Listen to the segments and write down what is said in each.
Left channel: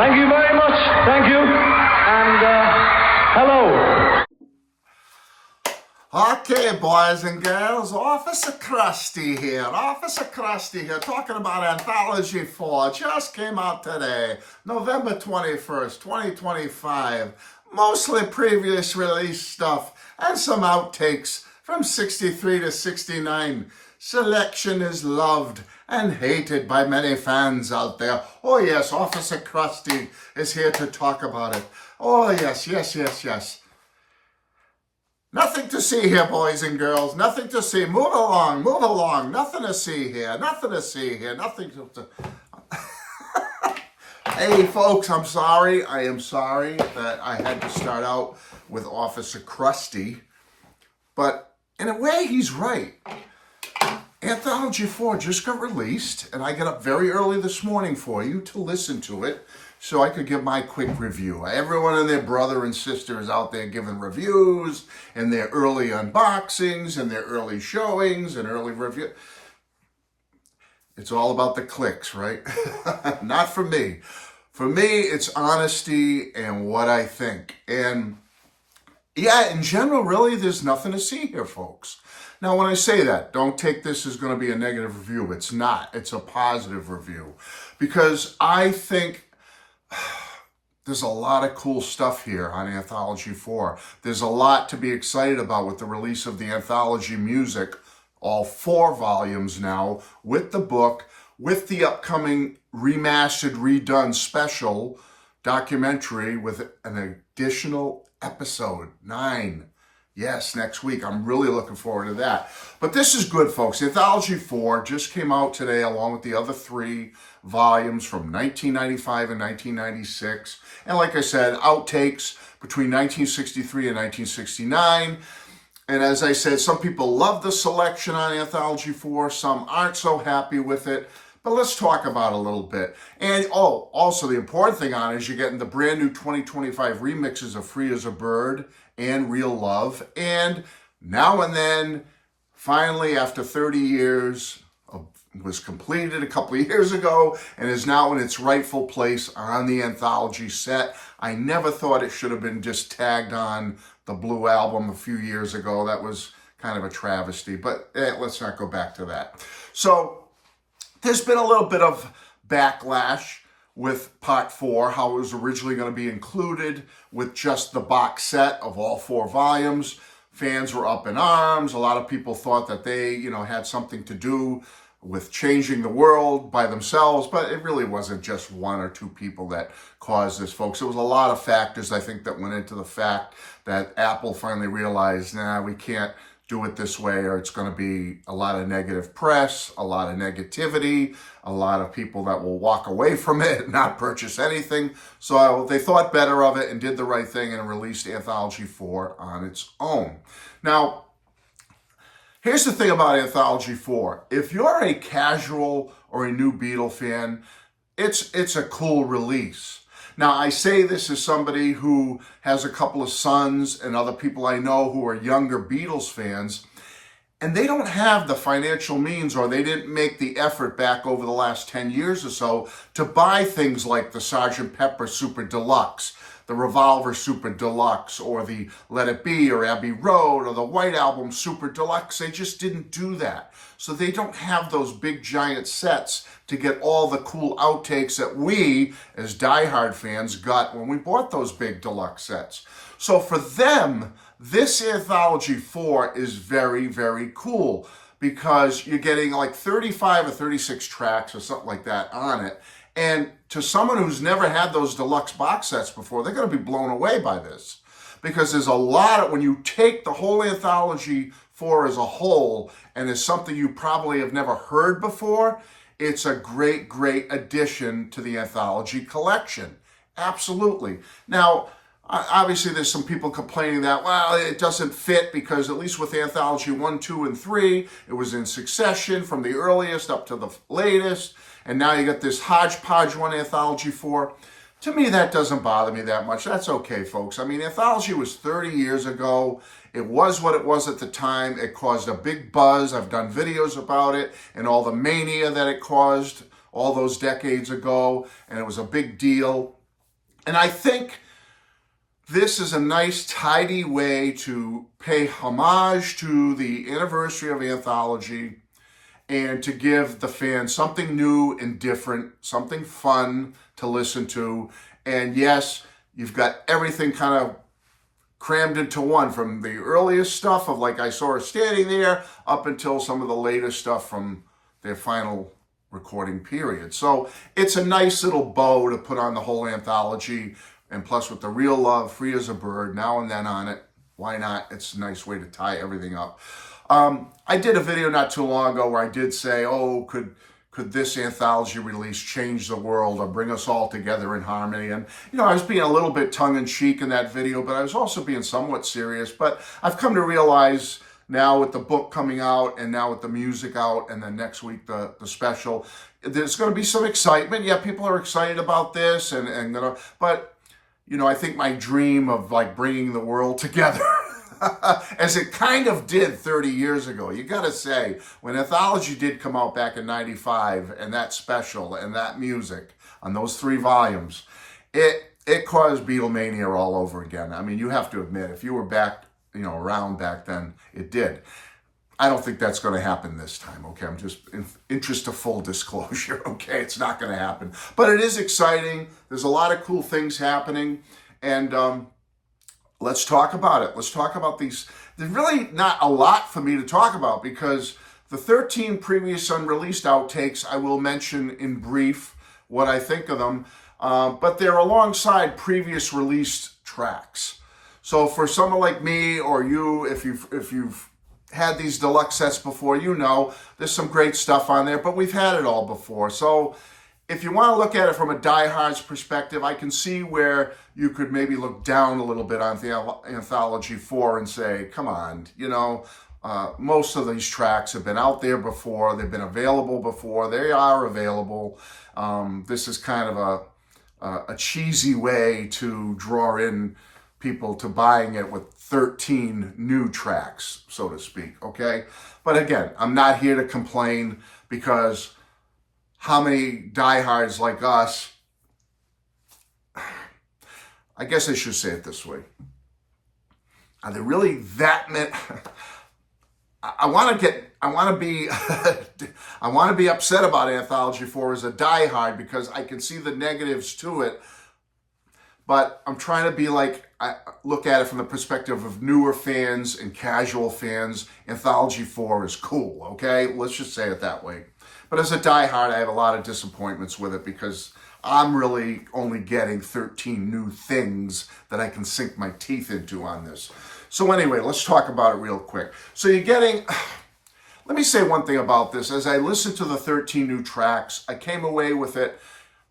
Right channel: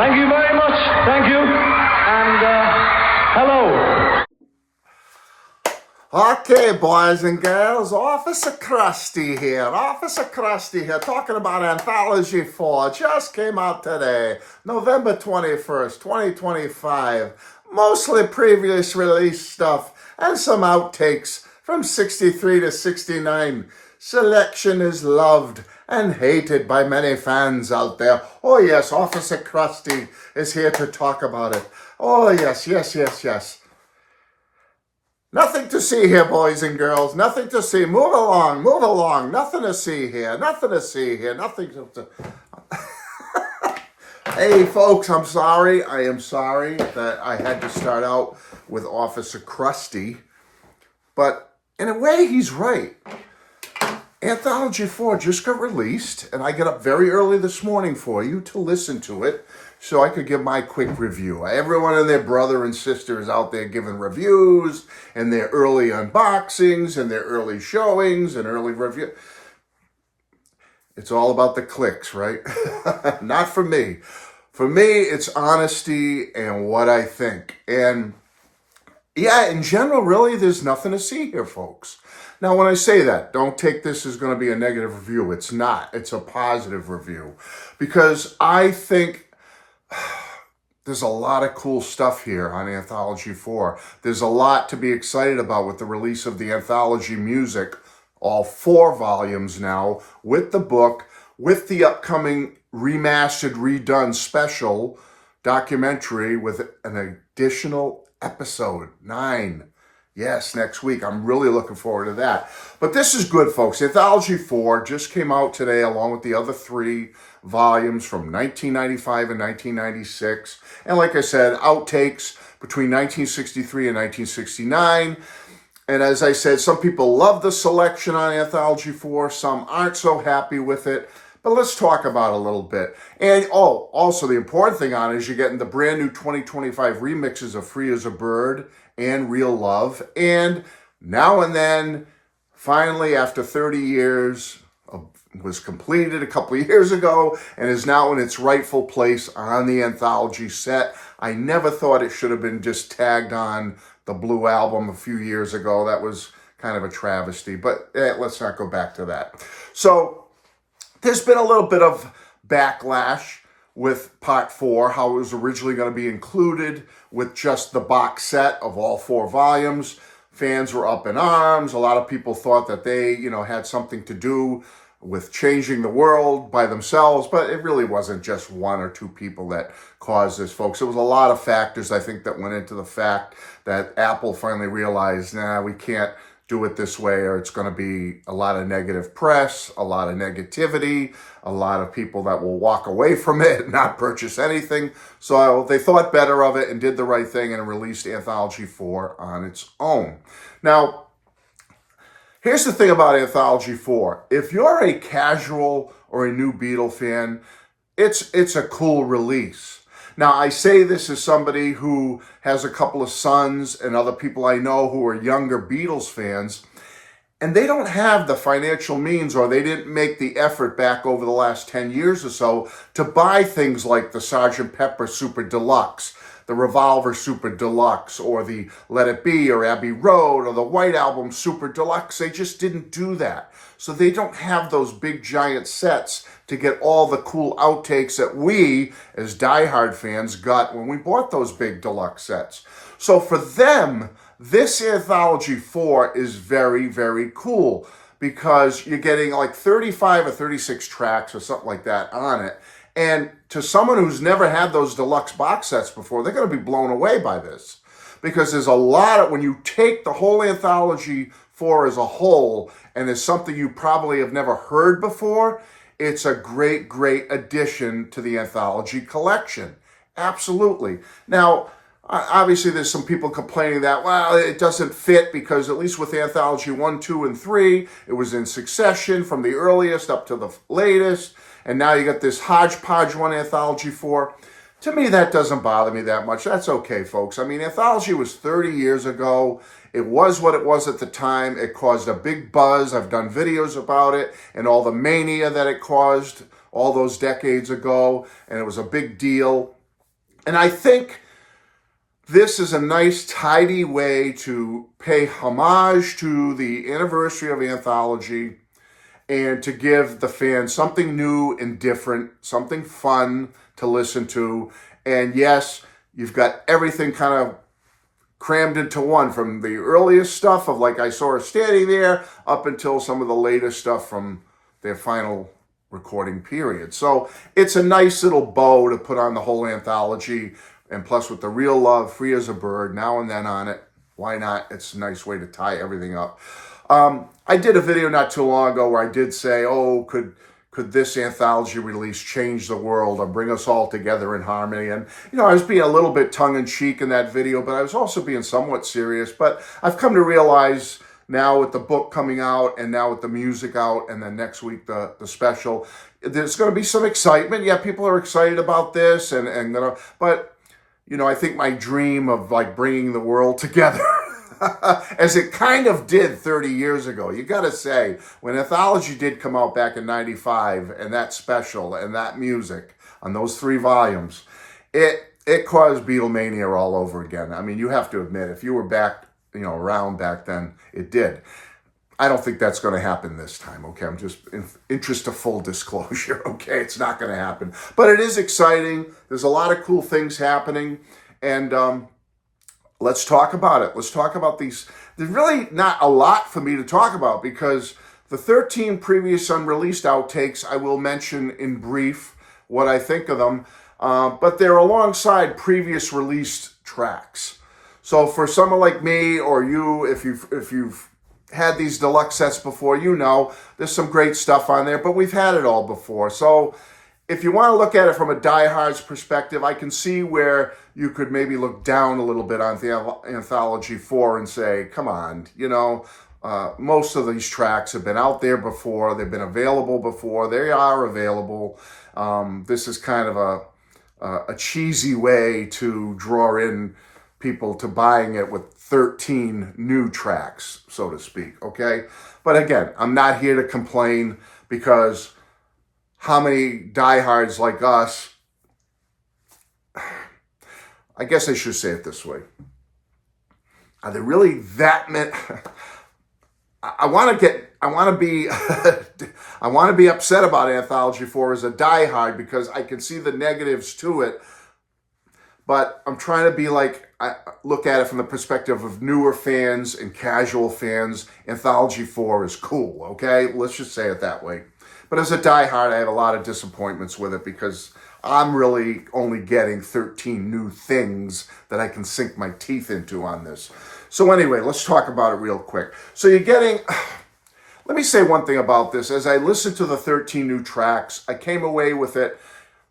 Thank you very much. Thank you. And hello. Okay, boys and girls, Officer Krusty here, talking about Anthology 4. Just came out today, November 21st, 2025. Mostly previous release stuff and some outtakes from 63 to 69. Selection is loved and hated by many fans out there. Oh yes, Officer Krusty is here to talk about it. Oh yes. Nothing to see here, boys and girls. Nothing to see. Move along. Nothing to see here. Nothing to... Hey, folks, I'm sorry. I am sorry that I had to start out with Officer Krusty. But in a way, he's right. Anthology 4 just got released, and I got up very early this morning for you to listen to it so I could give my quick review. Everyone and their brother and sister is out there giving reviews and their early unboxings and their early showings and early review. It's all about the clicks, right? Not for me. For me, it's honesty and what I think. And yeah, in general, really, there's nothing to see here, folks. Now, when I say that, don't take this as going to be a negative review. It's not. It's a positive review. Because I think there's a lot of cool stuff here on Anthology 4. There's a lot to be excited about with the release of the Anthology music, all 4 volumes now, with the book, with the upcoming remastered, redone special documentary with an additional episode 9. Yes, next week. I'm really looking forward to that. But this is good, folks. Anthology 4 just came out today along with the other 3 volumes from 1995 and 1996. And like I said, outtakes between 1963 and 1969. And as I said, some people love the selection on Anthology 4. Some aren't so happy with it. But let's talk about it a little bit. And also the important thing on it is you're getting the brand new 2025 remixes of Free as a Bird and Real Love. And Now and Then, finally, after 30 years, was completed a couple of years ago and is now in its rightful place on the Anthology set. I never thought it should have been just tagged on the Blue Album a few years ago. That was kind of a travesty, but let's not go back to that. So there's been a little bit of backlash with Part 4, how it was originally going to be included with just the box set of all 4 volumes. Fans were up in arms. A lot of people thought that they, had something to do with changing the world by themselves, but it really wasn't just 1 or 2 people that caused this, folks. It was a lot of factors, I think, that went into the fact that Apple finally realized, we can't do it this way, or it's going to be a lot of negative press, a lot of negativity, a lot of people that will walk away from it and not purchase anything. So they thought better of it and did the right thing and released Anthology 4 on its own. Now, here's the thing about Anthology 4. If you're a casual or a new Beatle fan, it's a cool release. Now, I say this as somebody who has a couple of sons and other people I know who are younger Beatles fans, and they don't have the financial means, or they didn't make the effort back over the last 10 years or so to buy things like the Sgt. Pepper Super Deluxe, the Revolver Super Deluxe, or the Let It Be or Abbey Road, or the White Album Super Deluxe. They just didn't do that. So they don't have those big giant sets to get all the cool outtakes that we, as diehard fans, got when we bought those big deluxe sets. So for them, this Anthology 4 is very, very cool because you're getting like 35 or 36 tracks or something like that on it. And to someone who's never had those deluxe box sets before, they're going to be blown away by this. Because there's a lot of, when you take the whole Anthology 4 as a whole, and it's something you probably have never heard before, it's a great, great addition to the Anthology collection. Absolutely. Now, obviously there's some people complaining that, well, it doesn't fit because at least with Anthology 1, 2, and 3, it was in succession from the earliest up to the latest. And now you got this hodgepodge one, Anthology 4. To me, that doesn't bother me that much. That's okay, folks. I mean, Anthology was 30 years ago. It was what it was at the time. It caused a big buzz. I've done videos about it and all the mania that it caused all those decades ago. And it was a big deal. And I think this is a nice, tidy way to pay homage to the anniversary of Anthology and to give the fans something new and different, something fun to listen to. And yes, you've got everything kind of crammed into one, from the earliest stuff of like I Saw Her Standing There up until some of the latest stuff from their final recording period. So it's a nice little bow to put on the whole anthology. And plus with the Real Love, Free as a Bird, Now and Then on it, why not? It's a nice way to tie everything up. I did a video not too long ago where I did say, oh, could this anthology release change the world or bring us all together in harmony? And, I was being a little bit tongue-in-cheek in that video, but I was also being somewhat serious. But I've come to realize now with the book coming out and now with the music out and then next week the special, there's going to be some excitement. Yeah, people are excited about this but, I think my dream of like bringing the world together as it kind of did 30 years ago. You got to say, when Anthology did come out back in 95 and that special and that music on those 3 volumes, it caused Beatlemania all over again. I mean, you have to admit, if you were back, around back then, it did. I don't think that's going to happen this time, okay? I'm just in interest of full disclosure, okay? It's not going to happen. But it is exciting. There's a lot of cool things happening. And let's talk about it. Let's talk about these. There's really not a lot for me to talk about because the 13 previous unreleased outtakes, I will mention in brief what I think of them, but they're alongside previous released tracks. So for someone like me or you, if you've had these deluxe sets before, there's some great stuff on there, but we've had it all before. So if you want to look at it from a diehard's perspective, I can see where you could maybe look down a little bit on the Anthology 4 and say, come on, most of these tracks have been out there before. They've been available before. They are available. This is kind of a cheesy way to draw in people to buying it with 13 new tracks, so to speak, okay? But again, I'm not here to complain because how many diehards like us, I guess I should say it this way. Are there really that many? I want to be upset about Anthology 4 as a diehard because I can see the negatives to it. But I'm trying to be like, I look at it from the perspective of newer fans and casual fans. Anthology 4 is cool, okay? Let's just say it that way. But as a diehard, I have a lot of disappointments with it because I'm really only getting 13 new things that I can sink my teeth into on this. So anyway, let's talk about it real quick. So you're getting, let me say one thing about this. As I listened to the 13 new tracks, I came away with it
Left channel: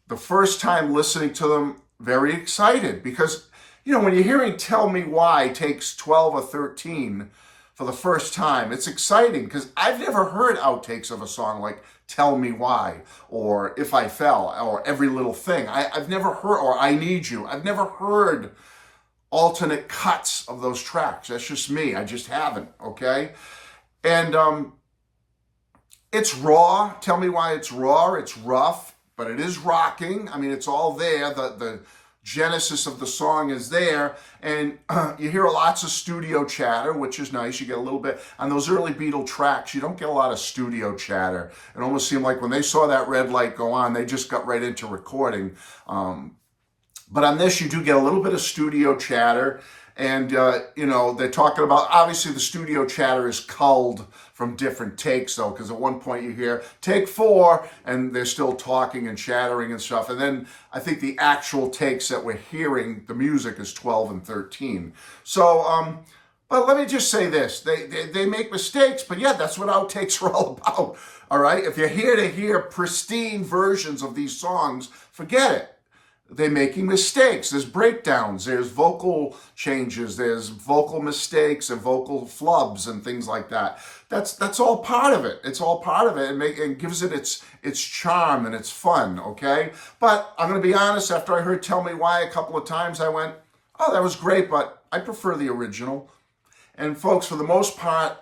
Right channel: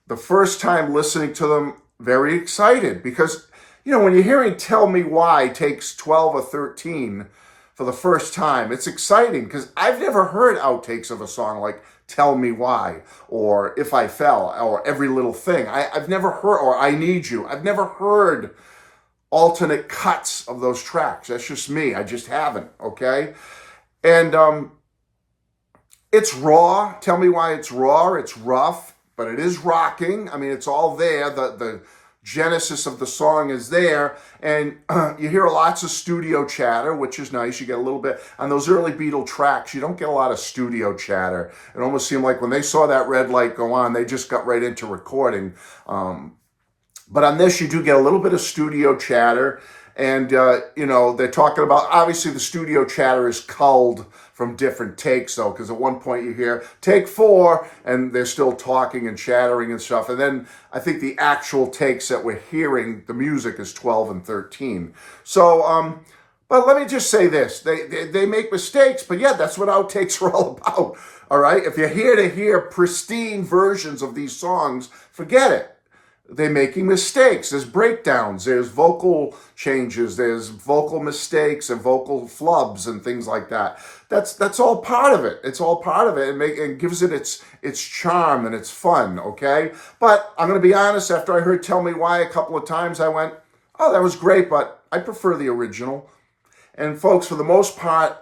the first time listening to them very excited because, when you're hearing Tell Me Why takes 12 or 13 for the first time, it's exciting because I've never heard outtakes of a song like Tell Me Why or If I Fell or Every Little Thing. I've never heard, or I Need You. I've never heard alternate cuts of those tracks. That's just me. I just haven't, okay? And it's raw. Tell Me Why it's raw. It's rough. But it is rocking. I mean, it's all there. The genesis of the song is there. And you hear lots of studio chatter, which is nice. You get a little bit, on those early Beatle tracks, you don't get a lot of studio chatter. It almost seemed like when they saw that red light go on, they just got right into recording. But on this, you do get a little bit of studio chatter. And, they're talking about, obviously the studio chatter is culled from different takes, though, because at one point you hear take 4, and they're still talking and chattering and stuff. And then I think the actual takes that we're hearing, the music is 12 and 13. So, but let me just say this. They make mistakes, but yeah, that's what outtakes are all about, all right? If you're here to hear pristine versions of these songs, forget it. They're making mistakes. There's breakdowns. There's vocal changes. There's vocal mistakes and vocal flubs and things like that. That's all part of it. It's all part of it and gives it its charm and its fun, okay? But I'm going to be honest, after I heard Tell Me Why a couple of times, I went, oh, that was great, but I prefer the original. And folks, for the most part,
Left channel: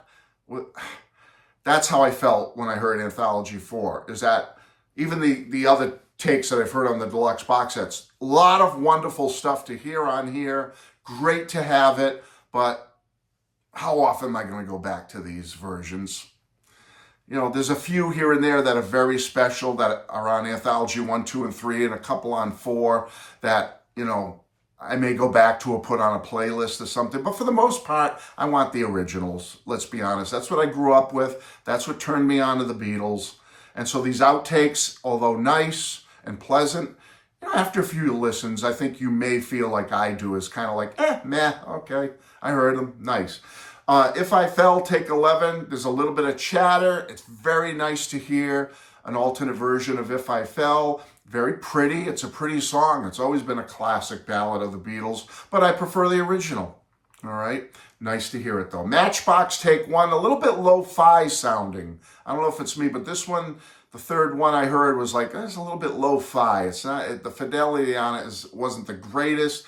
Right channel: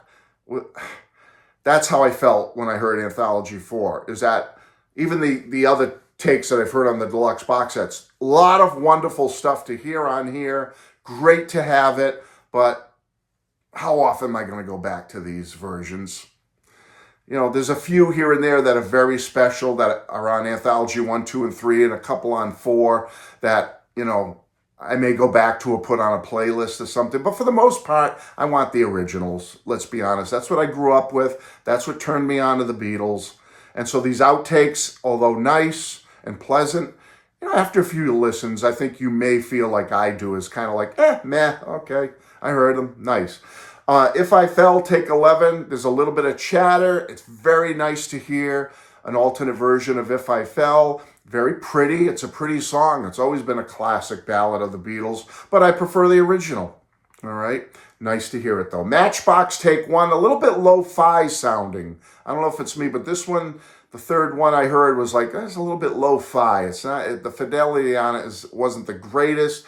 that's how I felt when I heard Anthology 4, is that even the other takes that I've heard on the deluxe box sets, A lot of wonderful stuff to hear on here. Great to have it, but how often am I going to go back to these versions? You know, there's a few here and there that are very special that are on Anthology 1, 2, and 3, and a couple on 4 that, you know, I may go back to or put on a playlist or something. But for the most part, I want the originals. Let's be honest. That's what I grew up with. That's what turned me on to the Beatles. And so these outtakes, although nice and pleasant, you know, after a few listens, I think you may feel like I do, is kind of like, meh, okay, I heard them, nice. If I Fell, take 11, there's a little bit of chatter. It's very nice to hear an alternate version of If I Fell. Very pretty. It's a pretty song. It's always been a classic ballad of the Beatles, but I prefer the original. All right. Nice to hear it, though. Matchbox, take 1, a little bit lo-fi sounding. I don't know if it's me, but this one, the third one I heard was like, that's a little bit lo-fi. It's not, the fidelity on it wasn't the greatest.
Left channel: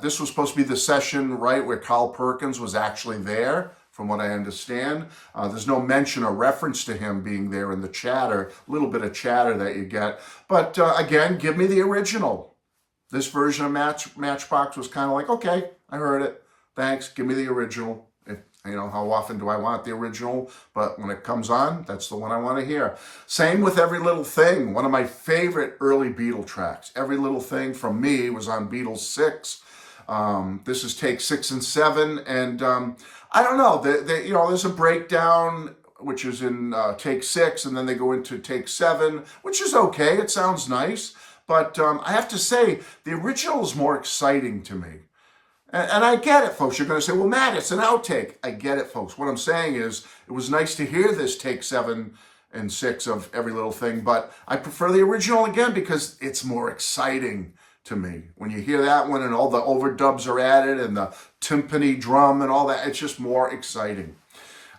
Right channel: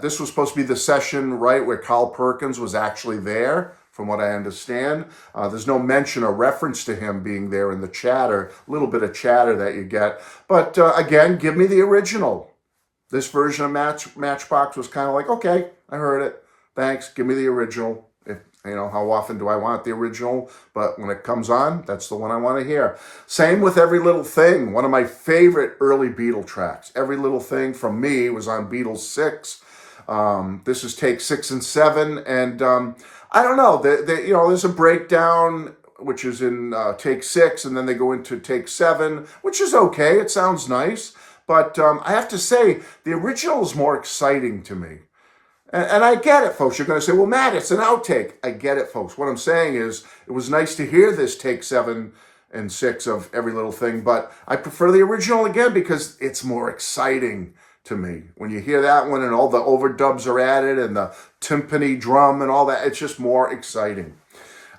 This was supposed to be the session, right, where Carl Perkins was actually there, from what I understand. There's no mention or reference to him being there in the chatter, a little bit of chatter that you get. But again, give me the original. This version of Matchbox was kind of like, okay, I heard it. Thanks, give me the original. You know, how often do I want the original? But when it comes on, that's the one I want to hear. Same with Every Little Thing, one of my favorite early Beatle tracks. Every Little Thing from me was on Beatles 6. This is take 6 and 7. And I don't know, you know, there's a breakdown, which is in take 6, and then they go into take 7, which is okay. It sounds nice. But I have to say, the original is more exciting to me. And I get it, folks. You're going to say, well, Matt, it's an outtake. I get it, folks. What I'm saying is it was nice to hear this take 7 and 6 of Every Little Thing, but I prefer the original again because it's more exciting to me. When you hear that one and all the overdubs are added and the timpani drum and all that, it's just more exciting.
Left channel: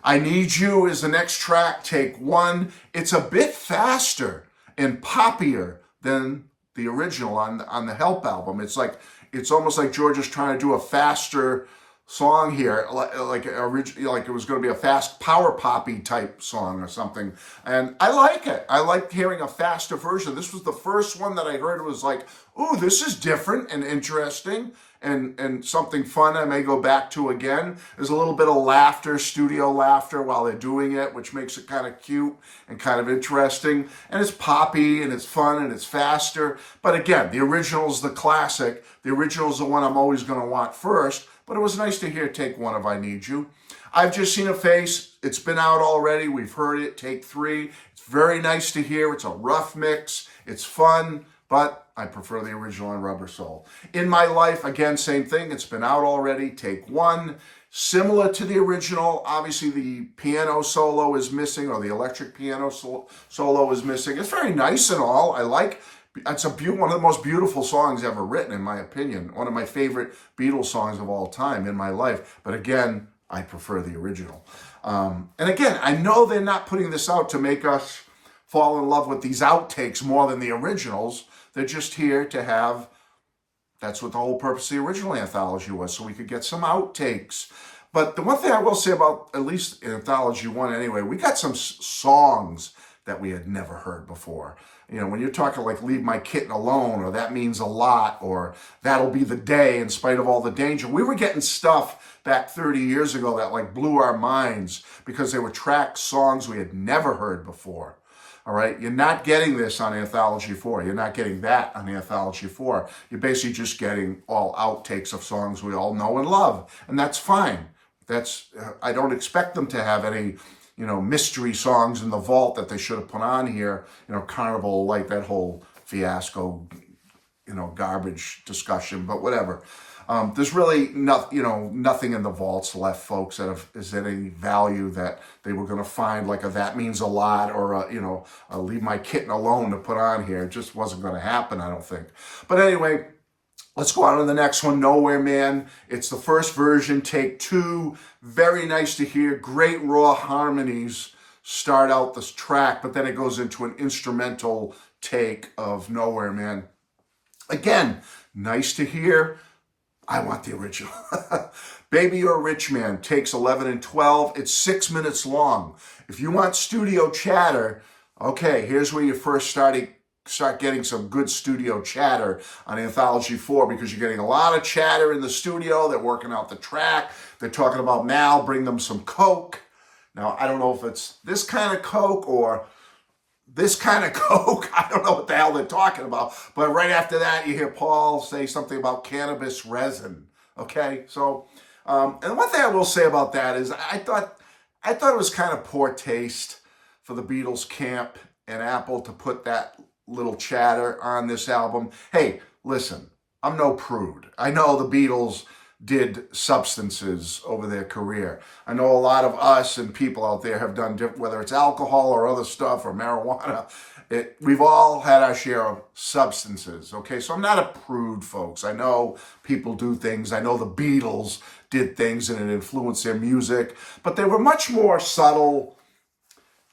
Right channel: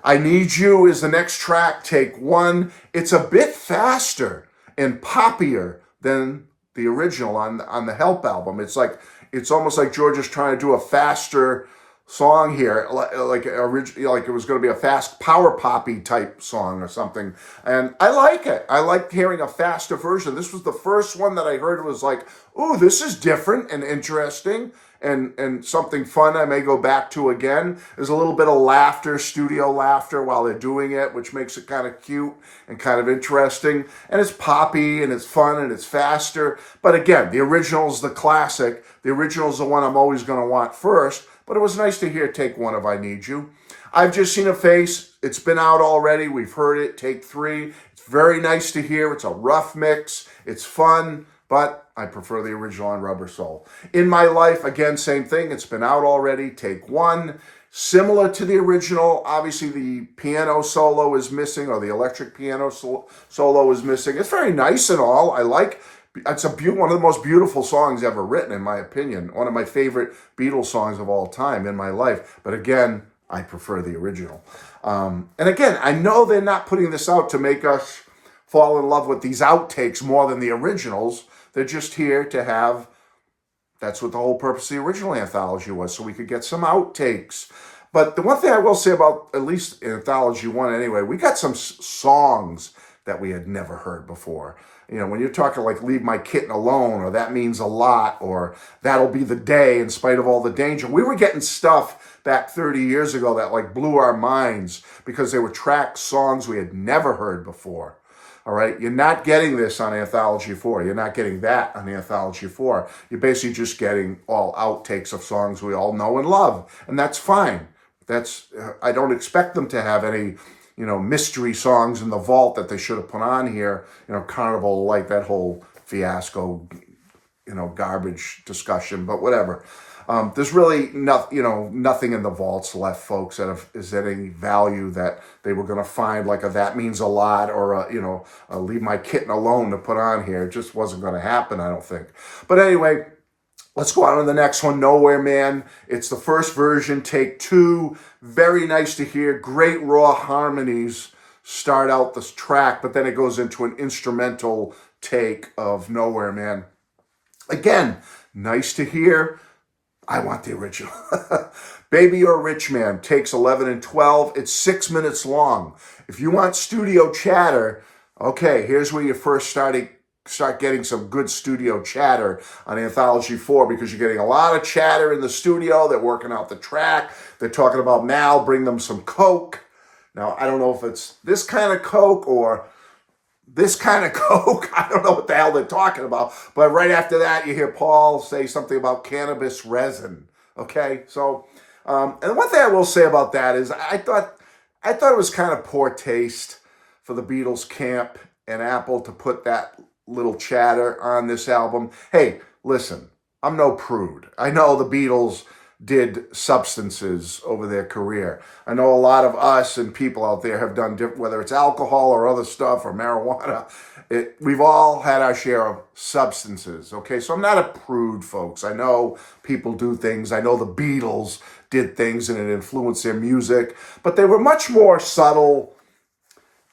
I Need You is the next track, take 1. It's a bit faster and poppier than the original on the Help album. It's almost like George is trying to do a faster song here, like it was going to be a fast power poppy type song or something. And I like it. I like hearing a faster version. This was the first one that I heard was like, ooh, this is different and interesting and something fun I may go back to again. There's a little bit of laughter, studio laughter while they're doing it, which makes it kind of cute and kind of interesting. And it's poppy and it's fun and it's faster. But again, the original's the classic. The original's the one I'm always going to want first. But it was nice to hear take 1 of I Need You. I've Just Seen a Face. It's been out already. We've heard it. Take 3. It's very nice to hear. It's a rough mix. It's fun, but I prefer the original on Rubber Soul. In My Life, again, same thing. It's been out already. Take 1. Similar to the original. Obviously, the piano solo is missing, or the electric piano solo is missing. It's very nice and all. I like. It's one of the most beautiful songs ever written, in my opinion. One of my favorite Beatles songs of all time, In My Life. But again, I prefer the original. And again, I know they're not putting this out to make us fall in love with these outtakes more than the originals. They're just here to have, that's what the whole purpose of the original anthology was, so we could get some outtakes. But the one thing I will say about, at least Anthology 1 anyway, we got some songs that we had never heard before. You know, when you're talking like Leave My Kitten Alone, or That Means a Lot, or That'll Be the Day, In Spite of All the Danger, we were getting stuff back 30 years ago that like blew our minds because they were track songs we had never heard before. All right, you're not getting this on Anthology 4. You're not getting that on Anthology 4. You're basically just getting all outtakes of songs we all know and love, and that's fine. I don't expect them to have any, you know, mystery songs in the vault that they should have put on here. You know, Carnival, like that whole fiasco, you know, garbage discussion, but whatever. There's really nothing in the vaults left, folks, is any value that they were going to find, like a That Means a Lot or a Leave My Kitten Alone to put on here. It just wasn't going to happen, I don't think. But anyway, let's go on to the next one, Nowhere Man. It's the first version, take 2. Very nice to hear. Great raw harmonies start out this track, but then it goes into an instrumental take of Nowhere Man. Again, nice to hear. I want the original. Baby You're a Rich Man, takes 11 and 12. It's 6 minutes long. If you want studio chatter, okay, here's where you first start start getting some good studio chatter on Anthology 4, because you're getting a lot of chatter in the studio. They're working out the track. They're talking about Mal, bring them some Coke. Now, I don't know if it's this kind of Coke or this kind of Coke. I don't know what the hell they're talking about. But right after that, you hear Paul say something about cannabis resin. Okay, so, and one thing I will say about that is I thought it was kind of poor taste for the Beatles camp and Apple to put that little chatter on this album. Hey, listen, I'm no prude. I know the Beatles did substances over their career. I know a lot of us and people out there have done different, whether it's alcohol or other stuff or marijuana. We've all had our share of substances, okay? So I'm not a prude, folks. I know people do things. I know the Beatles did things and it influenced their music, but they were much more subtle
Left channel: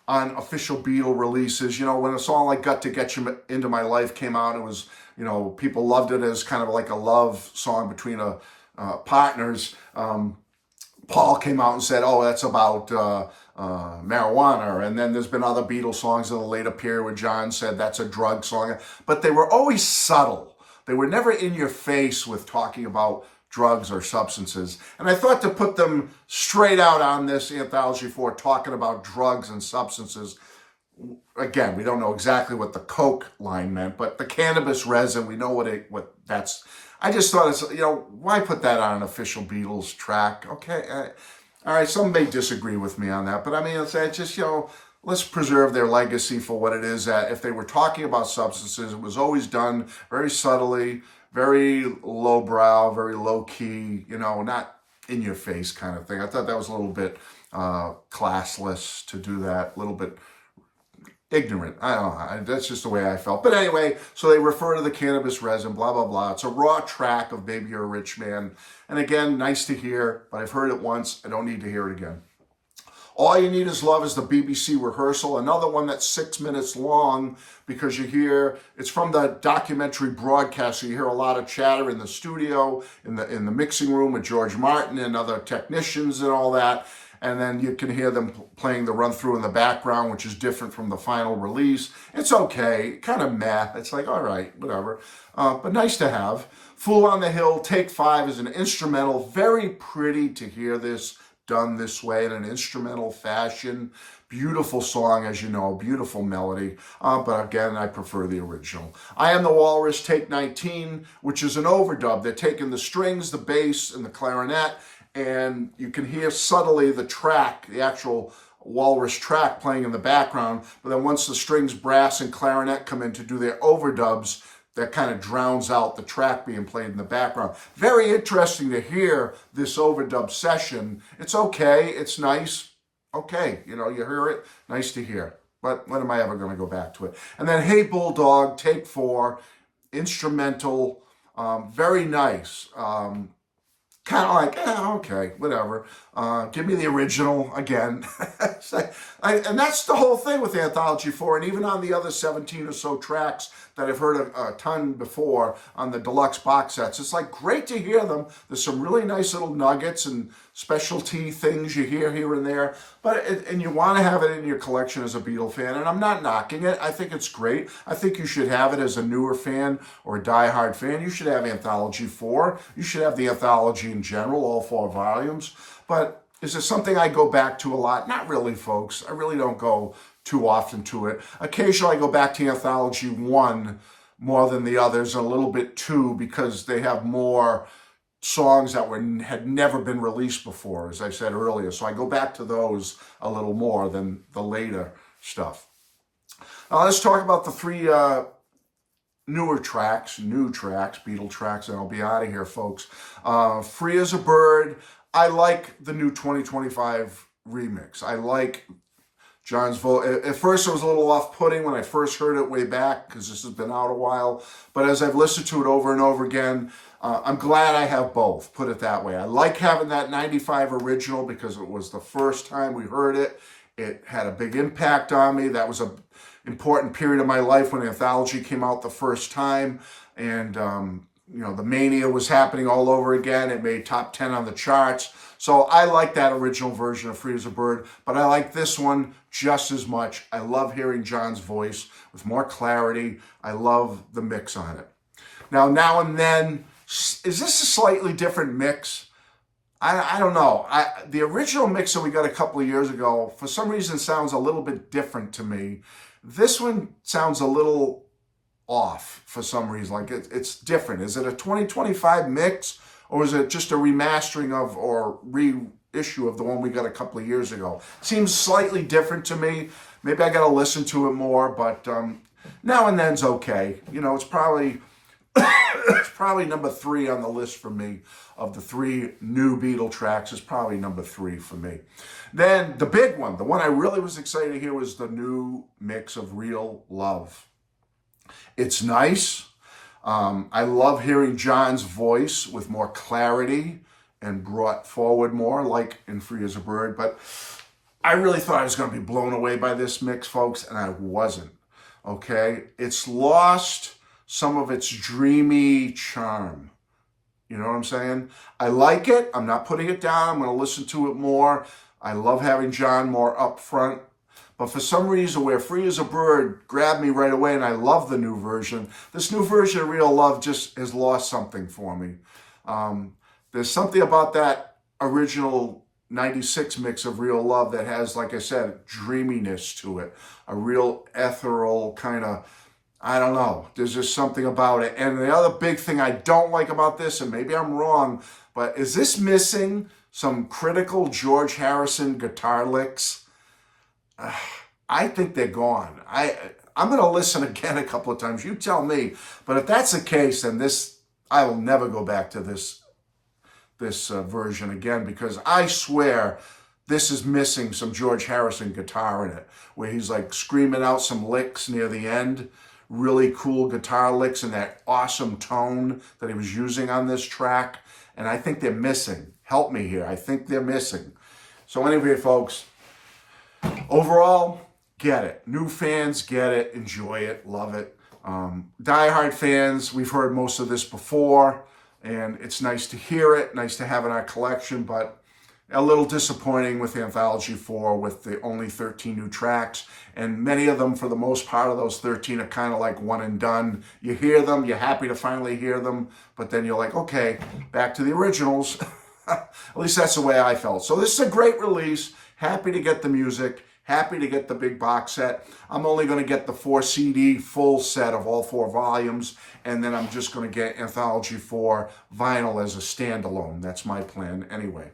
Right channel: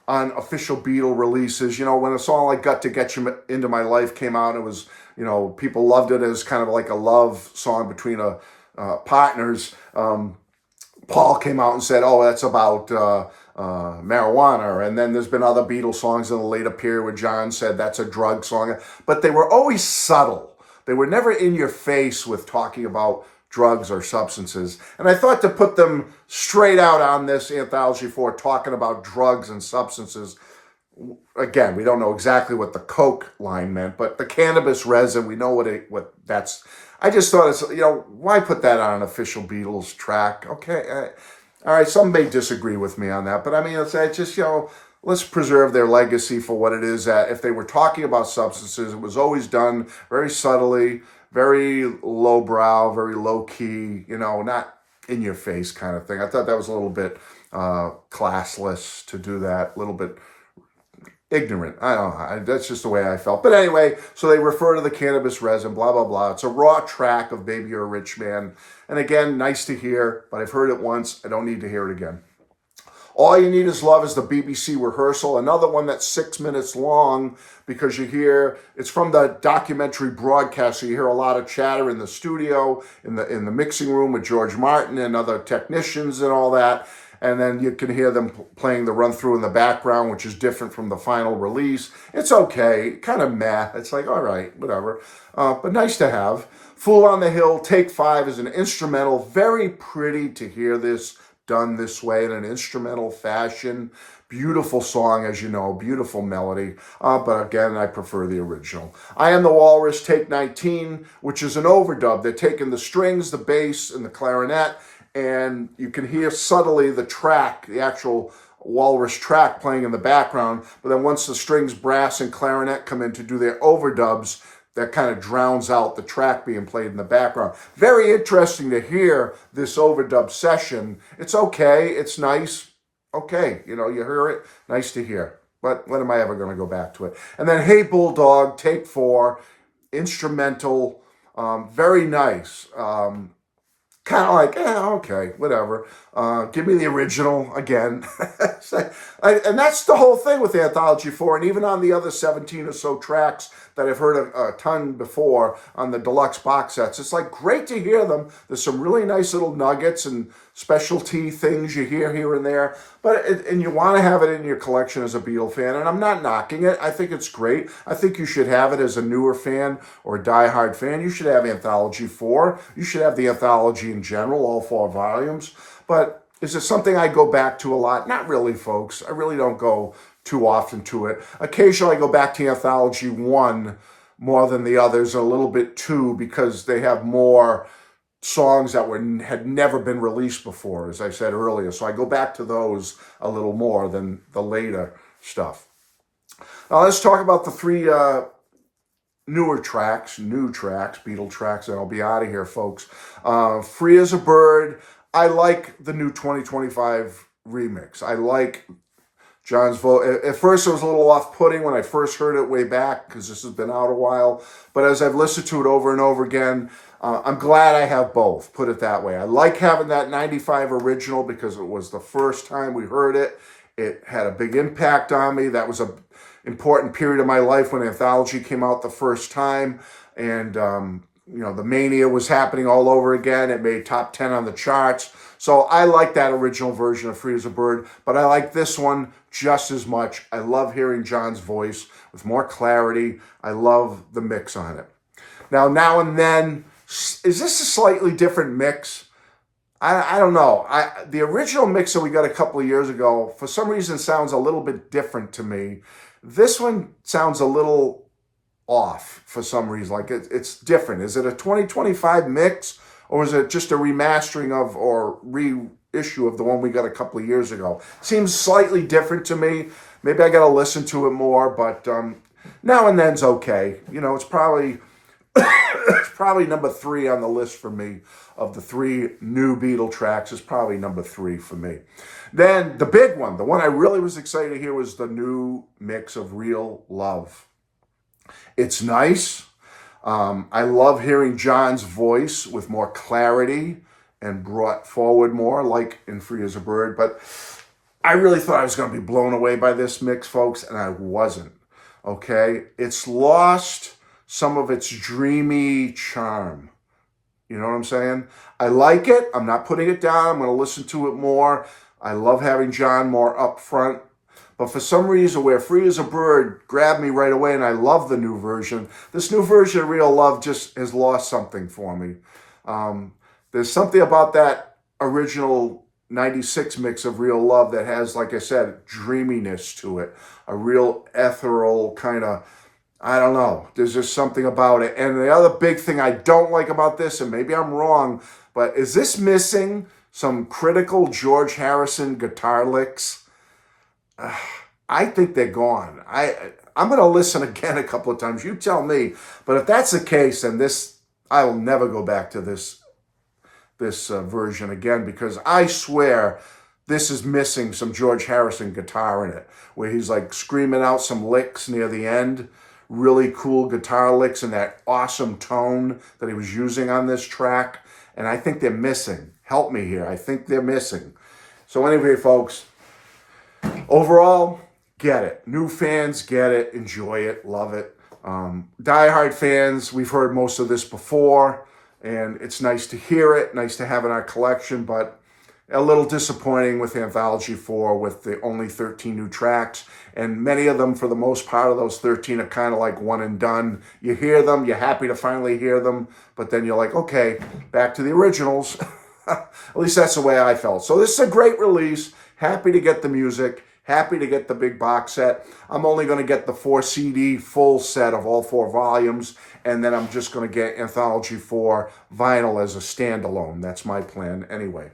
on official Beatle releases. You know, when a song like Got to Get You Into My Life came out, it was, you know, people loved it as kind of like a love song between partners. Paul came out and said, oh, that's about marijuana. And then there's been other Beatles songs in the later period where John said that's a drug song. But they were always subtle. They were never in your face with talking about drugs or substances. And I thought to put them straight out on this Anthology 4 talking about drugs and substances. Again, we don't know exactly what the Coke line meant, but the cannabis resin, we know what that's. I just thought it's, you know, why put that on an official Beatles track? Okay, all right, some may disagree with me on that, but I mean, it's just, you know, let's preserve their legacy for what it is. That if they were talking about substances, it was always done very subtly, very lowbrow, very low key, you know, not in your face kind of thing. I thought that was a little bit classless to do that, a little bit ignorant. I don't know. That's just the way I felt. But anyway, so they refer to the cannabis resin, blah, blah, blah. It's a raw track of Baby You're a Rich Man. And again, nice to hear, but I've heard it once. I don't need to hear it again. All You Need Is Love is the BBC rehearsal. Another one that's 6 minutes long because you hear, it's from the documentary broadcast, so you hear a lot of chatter in the studio, in the mixing room with George Martin and other technicians and all that. And then you can hear them playing the run-through in the background, which is different from the final release. It's okay, kind of meh. It's like, all right, whatever. But nice to have. Fool on the Hill, Take 5 is an instrumental. Very pretty to hear this done this way in an instrumental fashion. Beautiful song, as you know, beautiful melody. But again, I prefer the original. I Am the Walrus, Take 19, which is an overdub. They're taking the strings, the bass, and the clarinet, and you can hear subtly the track, the actual Walrus track playing in the background. But then once the strings, brass, and clarinet come in to do their overdubs, that kind of drowns out the track being played in the background. Very interesting to hear this overdub session. It's okay. It's nice. Okay. You know, you hear it. Nice to hear. But when am I ever going to go back to it? And then Hey Bulldog, Take 4, instrumental, very nice. Kind of like, okay, whatever. Give me the original again. And that's the whole thing with Anthology 4. And even on the other 17 or so tracks that I've heard a ton before on the deluxe box sets, it's like great to hear them. There's some really nice little nuggets and specialty things you hear here and there. And you want to have it in your collection as a Beatle fan. And I'm not knocking it. I think it's great. I think you should have it as a newer fan or a diehard fan. You should have Anthology 4. You should have the Anthology in general, all 4 volumes. But is it something I go back to a lot? Not really, folks. I really don't go too often to it. Occasionally I go back to Anthology 1 more than the others, and a little bit 2 because they have more songs that had never been released before, as I said earlier. So I go back to those a little more than the later stuff. Now let's talk about the 3 new tracks, Beatle tracks, and I'll be out of here, folks. Free as a Bird. I like the new 2025 remix. I like John's vote. At first, it was a little off-putting when I first heard it way back because this has been out a while. But as I've listened to it over and over again, I'm glad I have both, put it that way. I like having that 95 original because it was the first time we heard it. It had a big impact on me. That was an important period of my life when Anthology came out the first time. And the mania was happening all over again. It made top 10 on the charts. So I like that original version of Free as a Bird, but I like this one just as much. I love hearing John's voice with more clarity. I love the mix on it. Now and then, is this a slightly different mix? I don't know. The original mix that we got a couple of years ago, for some reason, sounds a little bit different to me. This one sounds a little off for some reason. Like it's different. Is it a 2025 mix, or is it just a remastering of or reissue of the one we got a couple of years ago? Seems slightly different to me. Maybe I got to listen to it more, but now and then's okay. It's probably number 3 on the list for me of the 3 new Beatle tracks. Is probably number 3 for me. Then the big one, the one I really was excited to hear, was the new mix of Real Love. It's nice. I love hearing John's voice with more clarity and brought forward more, like in Free as a Bird. But I really thought I was going to be blown away by this mix, folks, and I wasn't. Okay? It's lost some of its dreamy charm. You know what I'm saying? I like it. I'm not putting it down. I'm going to listen to it more. I love having John more up front. But for some reason, where Free as a Bird grabbed me right away, and I love the new version, this new version of Real Love just has lost something for me. There's something about that original 96 mix of Real Love that has, like I said, dreaminess to it. A real ethereal kind of, I don't know. There's just something about it. And the other big thing I don't like about this, and maybe I'm wrong, but is this missing some critical George Harrison guitar licks? I think they're gone. I'm going to listen again a couple of times. You tell me. But if that's the case, then I will never go back to this version again, because I swear this is missing some George Harrison guitar in it, where he's like screaming out some licks near the end. Really cool guitar licks and that awesome tone that he was using on this track. And I think they're missing. Help me here. I think they're missing. So anyway, folks, overall, get it. New fans get it, enjoy it, love it. Die-hard fans, we've heard most of this before, and it's nice to hear it, nice to have in our collection, but a little disappointing with Anthology 4 with the only 13 new tracks. And many of them, for the most part of those 13, are kind of like one and done. You hear them, you're happy to finally hear them, but then you're like, okay, back to the originals. At least that's the way I felt. So this is a great release. Happy to get the music. Happy to get the big box set. I'm only going to get the 4 CD full set of all 4 volumes, and then I'm just going to get Anthology 4 vinyl as a standalone. That's my plan anyway.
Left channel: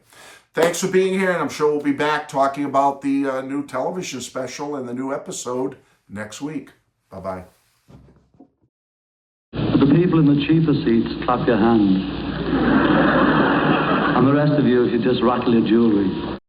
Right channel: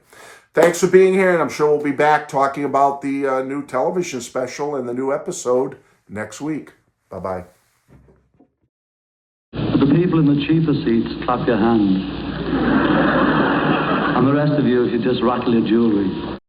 Thanks for being here, and I'm sure we'll be back talking about the new television special and the new episode next week. Bye-bye. The people in the cheaper seats, clap your hands. And the rest of you, if you just rattle your jewelry.